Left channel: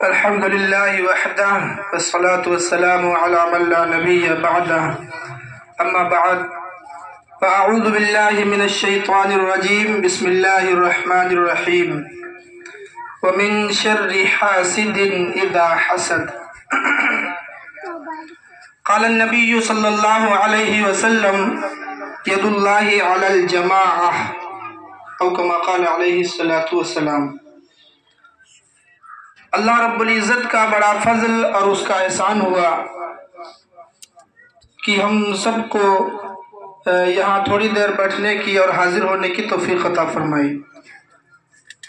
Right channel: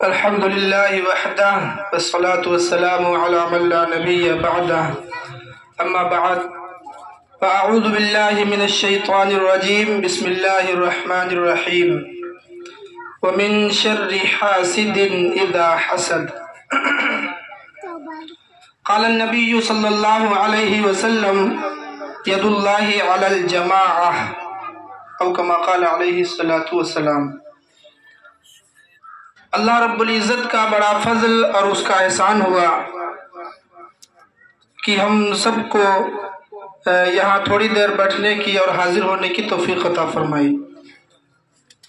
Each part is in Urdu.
الحمد لله وحده والصلاة والسلام على من لا نبي بعده أما بعد فأعوذ بالله من الشيطان الرجيم بسم الله الرحمن الرحيم ومن شر حاسد إذا حسد قال النبي صلى الله عليه وسلم يد الله على الجماعة أو كما قال عليه الصلاة والسلام۔ اللہ رب العزت کا بڑا فضل اور اس کا احسان ہوا کہ ہم سب کو یہاں تھوڑی دیر بیٹھنے کی اور حاضر ہونے کی توفیق عطا فرمائی۔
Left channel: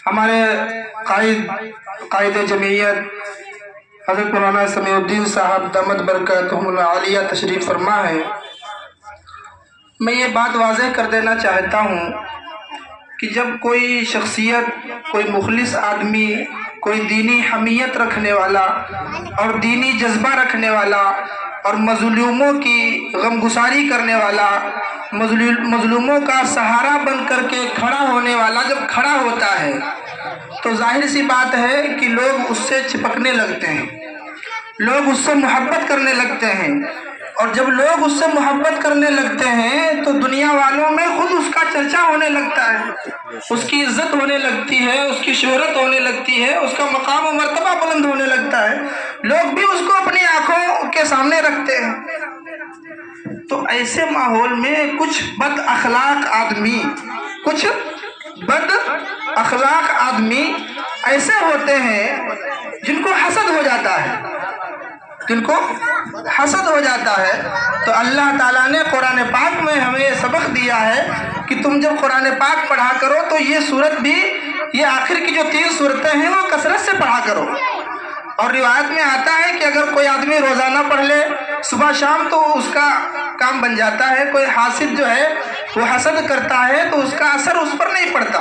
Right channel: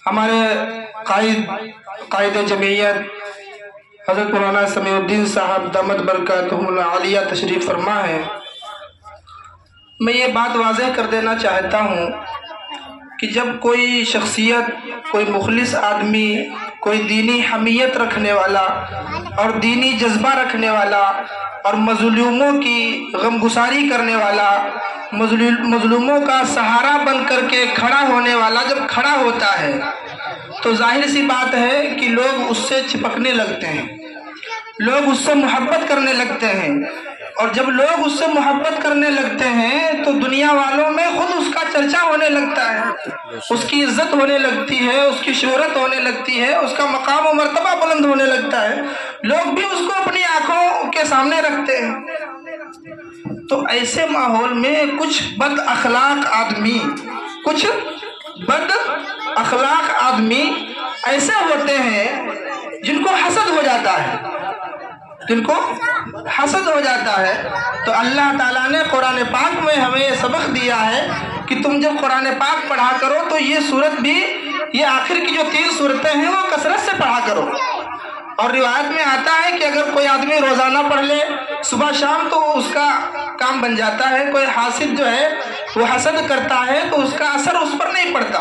ہمارے قائد جمعیت حضرت مولانا سمیع الدین صاحب دامت برکاتہم العالیہ تشریف فرما ہے۔ میں یہ بات واضح کر دینا چاہتا ہوں کہ جب کوئی شخصیت، کوئی مخلص آدمی، کوئی دینی حمیت رکھنے والا اور دینی جذبہ رکھنے والا اور مظلوموں کی غمگساری کرنے والا، مظلوموں کا سہارا بن کر کے کھڑا ہونے والا جب کھڑا ہوتا ہے تو ظاہر سی بات ہے کہ لوگ اس سے چپکنے لگتے ہیں، لوگ اس سے محبت کرنے لگتے ہیں، اور جب لوگ اس سے محبت کرنے لگتے ہیں تو دنیا والوں میں خود اس کا چرچا ہونے لگتا ہے، اس کی عزت ہونے لگتی ہے، اس کی شہرت ہونے لگتی ہے، اس کا مقام و مرتبہ بلند ہونے لگتا ہے، لوگ بھی اس کو اپنی آنکھوں کے سامنے رکھتے ہیں۔ تو ایسے ماحول میں کچھ بد اخلاق آدمی ایسے ہوتے ہیں جن کو حسد ہو جاتا ہے، تو اللہ تعالیٰ نے قرآن پاک میں ہمیں یہ سبق دیا ہے کہ تم جب قرآن پاک پڑھا کرو تو یہ سورت بھی، یہ آخر کی جو 3 سورتیں ہیں وہ کثرت سے پڑھا کرو۔ اور روایت میں آتا ہے کہ اگر کوئی آدمی روزانہ پڑھ لے صبح شام تو اس کا کام بن جاتا ہے۔ کوئی حاسد جو ہے وہ حسد کرتا ہے تو اس کا اثر اس پر نہیں پڑتا۔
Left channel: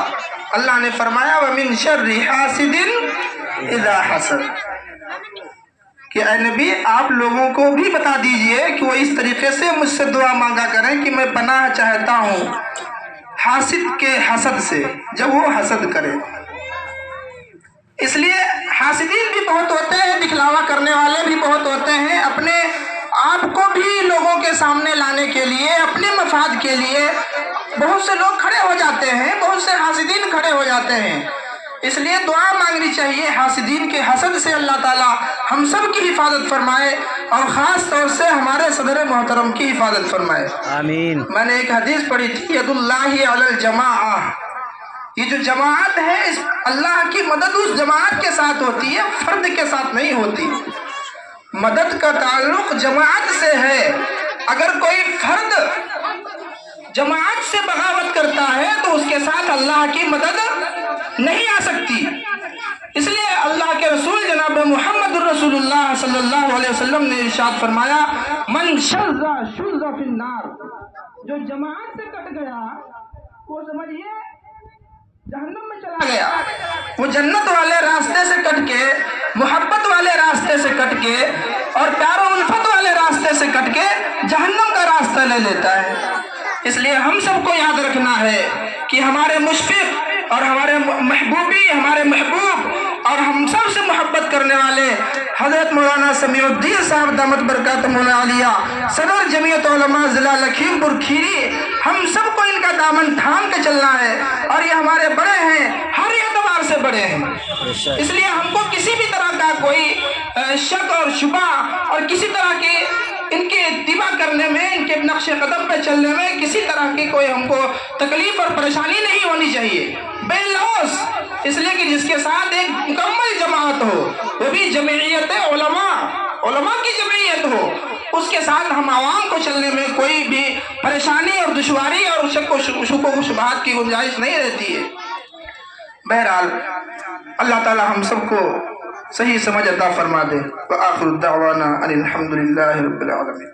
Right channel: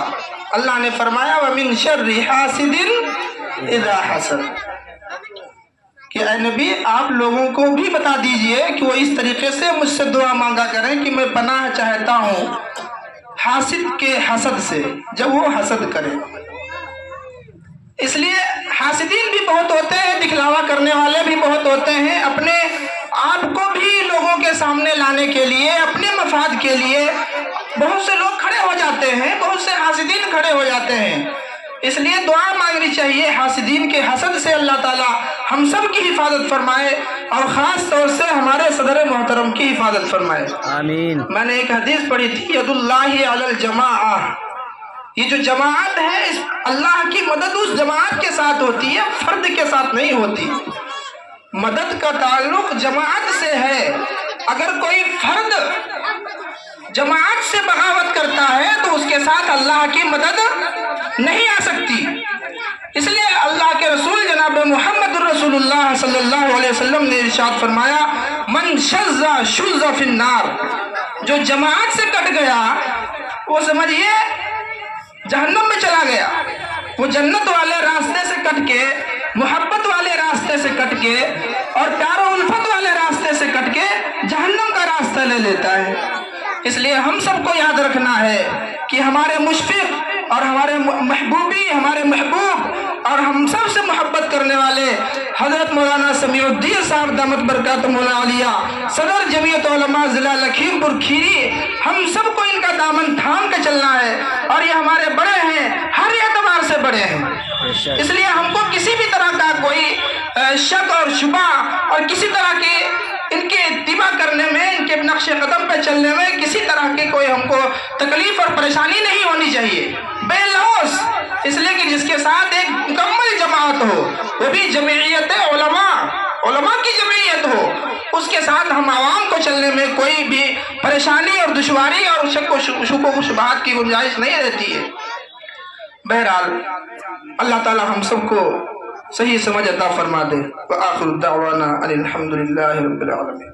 اللہ نے فرمایا وَمِن شَرِّ حَاسِدٍ إِذَا حَسَدَ، کہ اے نبی آپ لوگوں کو بھی بتا دیجئے کہ وہ اس طریقے سے مجھ سے دعا مانگا کریں کہ میں پناہ چاہتا ہوں حاسد کے حسد سے جب وہ حسد کرے۔ اس لیے حاسدین بھی بہت ہوتے ہیں، دکھلاوا کرنے والے بھی بہت ہوتے ہیں، اپنے آپ کو بھی لوگوں کے سامنے لانے کے لیے، اپنے مفاد کے لیے بہت سے لوگ کھڑے ہو جاتے ہیں، بہت سے حاسدین کھڑے ہو جاتے ہیں۔ اس لیے دعا مانگنی چاہیے حاسدین کے حسد سے اللہ تعالیٰ ہم سب کی حفاظت فرمائے، اور خاص طور سے ہمارے صدر محترم کی حفاظت فرمائے، آمین۔ میں نے ایک حدیث پڑھی تھی ید اللہ علی الجماعہ، یہ جو جماعت ہے اللہ کی مدد اس جماعت کے ساتھ ہوتی ہے، فرد کے ساتھ نہیں ہوتی۔ مدد کا تعلق جماعت سے ہے، اگر کوئی فرد جماعت سے بغاوت کرتا ہے تو اس کے ساتھ اللہ کی مدد نہیں آ سکتی۔ اس لیے اللہ کے رسول جناب محمد الرسول اللہ صلی اللہ علیہ وسلم نے ارشاد فرمایا من شذ شذ فی النار، جو جماعت سے کٹ گیا وہ سمجھیے جہنم میں چلا گیا، وہ جنت والے راستے سے کٹ کے، محبت والے راستے سے کٹ کے اور پیار و الفت والے راستے سے کٹ کے جہنم کا راستہ لے لیتا ہے۔ اس لیے ہم سب کو یاد رکھنا ہے کہ ہمارے مشفق اور ہمارے محبوبی، ہمارے محبوب اور ہم سب سے محبت کرنے والے حضرت مولانا سمیع الدین صاحب دامت برکاتہم العالیہ صدر جمعیت علماء ضلع لکھیم پور کھیری، ہم سب کو ان کا دامن تھام کے چلنا ہے، اور یہ ہمارے بڑے ہیں، ہر اعتبار سے بڑے ہیں۔ اس لیے ہم کو کسی بھی طرح کا کوئی شک اور شبہ اور کسی طرح کی ان کے اتباع کرنے میں، ان کے نقش قدم پہ چلنے میں کسی طرح کی کوئی ہم کو تکلیف اور پریشانی نہیں ہونی چاہیے، بے لوث، اس لیے کہ جس کے ساتھ ایک مکمل جماعت ہو، وہ بھی جمعیت علماء کی جمعیت ہو، اس کے ساتھ ہم عوام کو چلنے میں کوئی بھی پریشانی اور دشواری اور شک و شبہات کی گنجائش نہیں رہتی ہے۔ بہرحال اللہ تعالی ہم سب کو صحیح سمجھ عطا فرما دے۔ وآخر الدعوانا ان الحمد للہ رب العالمین۔